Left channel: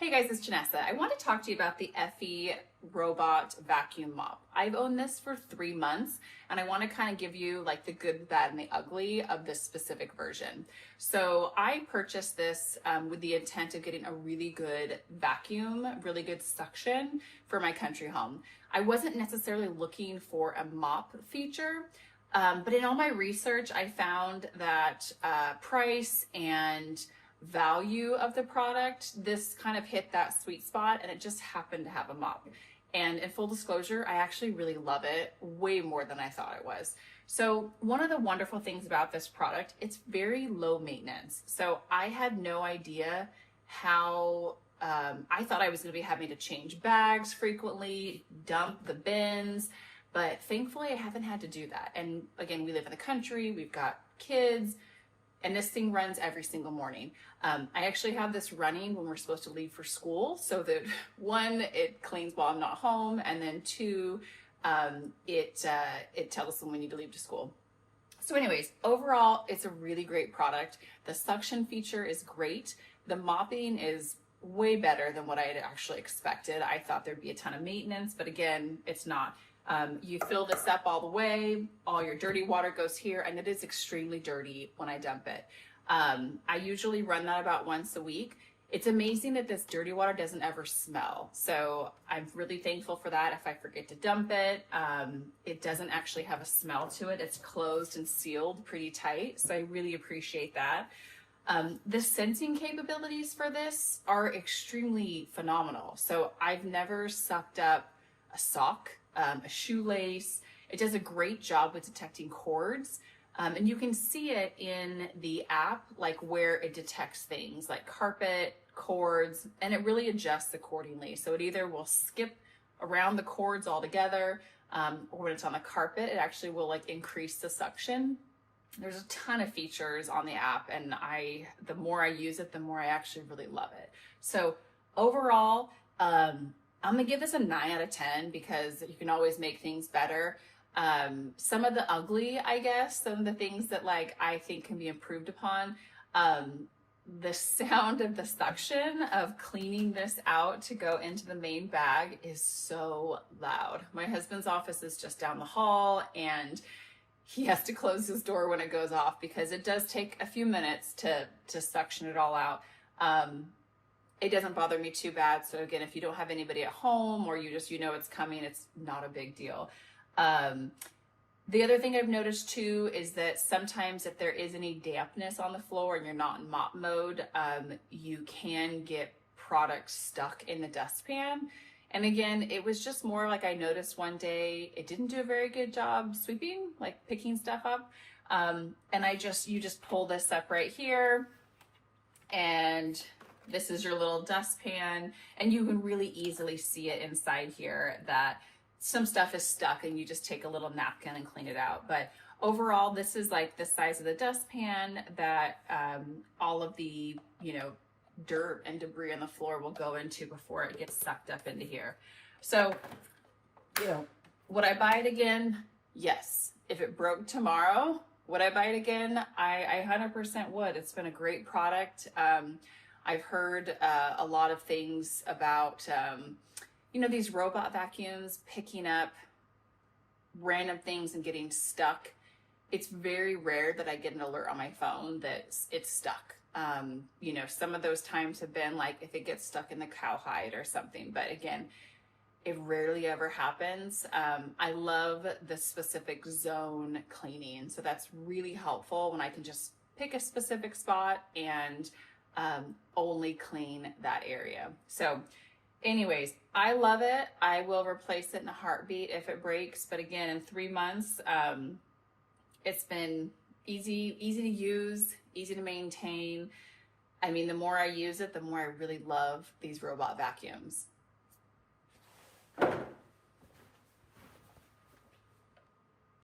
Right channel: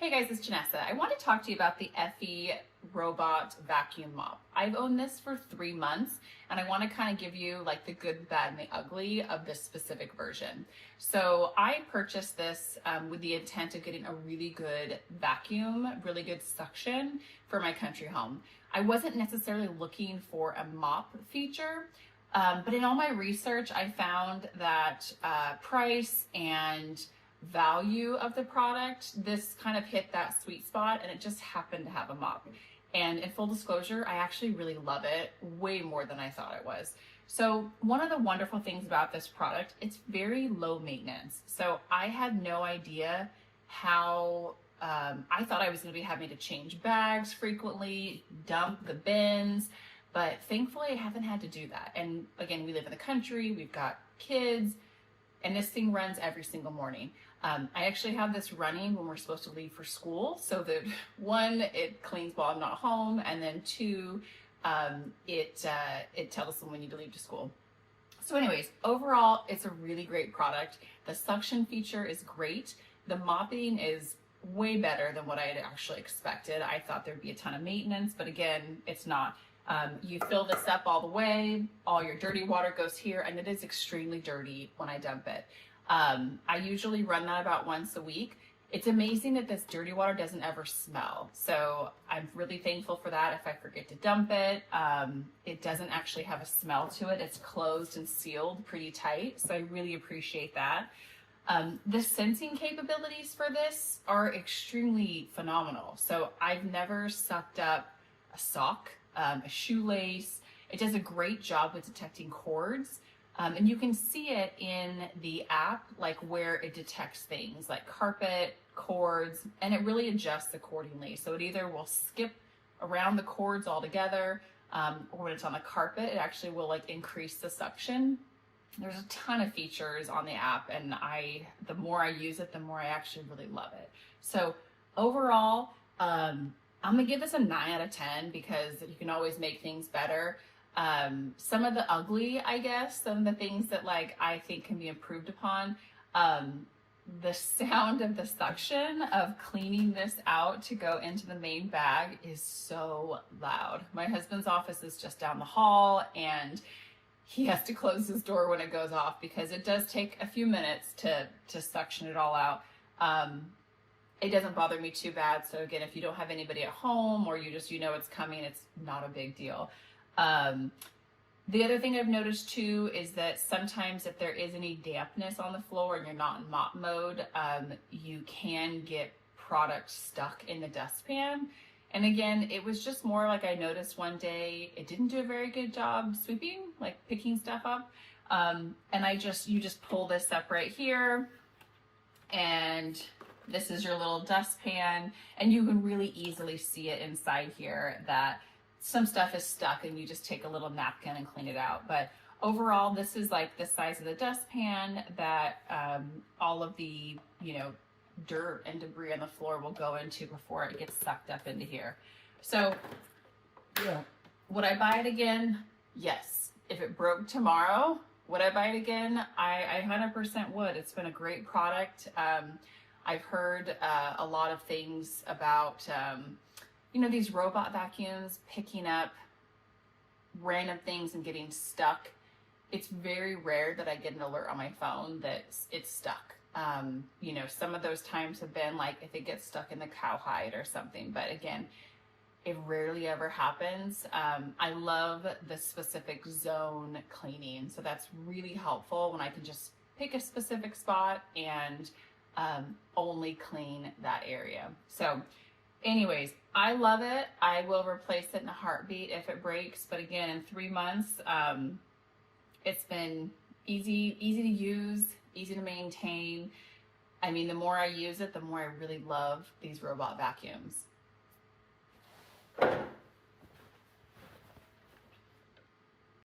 Hey guys, it's Janessa. I want to talk to you about the eufy robot vacuum mop. I've owned this for 3 months and I want to kind of give you like the good, the bad, and the ugly of this specific version. So I purchased this with the intent of getting a really good vacuum, really good suction for my country home. I wasn't necessarily looking for a mop feature, but in all my research, I found that price and value of the product, this kind of hit that sweet spot, and it just happened to have a mop. And in full disclosure, I actually really love it way more than I thought it was. So one of the wonderful things about this product, it's very low maintenance. So I had no idea how, I thought I was going to be having to change bags frequently, dump the bins, but thankfully I haven't had to do that. And again, we live in the country, we've got kids, and this thing runs every single morning. I actually have this running when we're supposed to leave for school, so that one, it cleans while I'm not home, and then two, it tells us when we need to leave to school. So anyways, overall, it's a really great product. The suction feature is great. The mopping is way better than what I had actually expected. I thought there'd be a ton of maintenance, but again, it's not. You fill this up all the way, all your dirty water goes here, and it is extremely dirty when I dump it. I usually run that about once a week. It's amazing that this dirty water doesn't ever smell. So I'm really thankful for that. If I forget to dump it, it doesn't actually have a smell to it. It's closed and sealed pretty tight. So I really appreciate that. The sensing capabilities for this are extremely phenomenal. So I've never sucked up a sock, a shoelace. It does a great job with detecting cords. And you can see it in the app, like where it detects things like carpet, cords, and it really adjusts accordingly. So it either will skip around the cords altogether, or when it's on the carpet, it actually will like increase the suction. There's a ton of features on the app, and the more I use it, the more I actually really love it. So overall, I'm gonna give this a 9 out of 10 because you can always make things better. Some of the ugly, I guess, some of the things that like I think can be improved upon, the sound of the suction of cleaning this out to go into the main bag is so loud. My husband's office is just down the hall, and he has to close his door when it goes off because it does take a few minutes to suction it all out. It doesn't bother me too bad. So again, if you don't have anybody at home or you know it's coming, it's not a big deal. The other thing I've noticed too is that sometimes if there is any dampness on the floor and you're not in mop mode, you can get product stuck in the dustpan. And again, it was just more like I noticed one day it didn't do a very good job sweeping, like picking stuff up. And you just pull this up right here, and this is your little dustpan, and you can really easily see it inside here that some stuff is stuck, and you just take a little napkin and clean it out. But overall, this is like the size of the dustpan that all of the, dirt and debris on the floor will go into before it gets sucked up into here. So, would I buy it again? Yes. If it broke tomorrow, would I buy it again? I 100% would. It's been a great product. I've heard a lot of things about, these robot vacuums picking up random things and getting stuck. It's very rare that I get an alert on my phone that it's stuck. Some of those times have been like if it gets stuck in the cowhide or something, but again, it rarely ever happens. I love the specific zone cleaning. So that's really helpful when I can just pick a specific spot and only clean that area. So anyways, I love it. I will replace it in a heartbeat if it breaks. But again, in 3 months, it's been easy to use, easy to maintain. I mean, the more I use it, the more I really love these robot vacuums.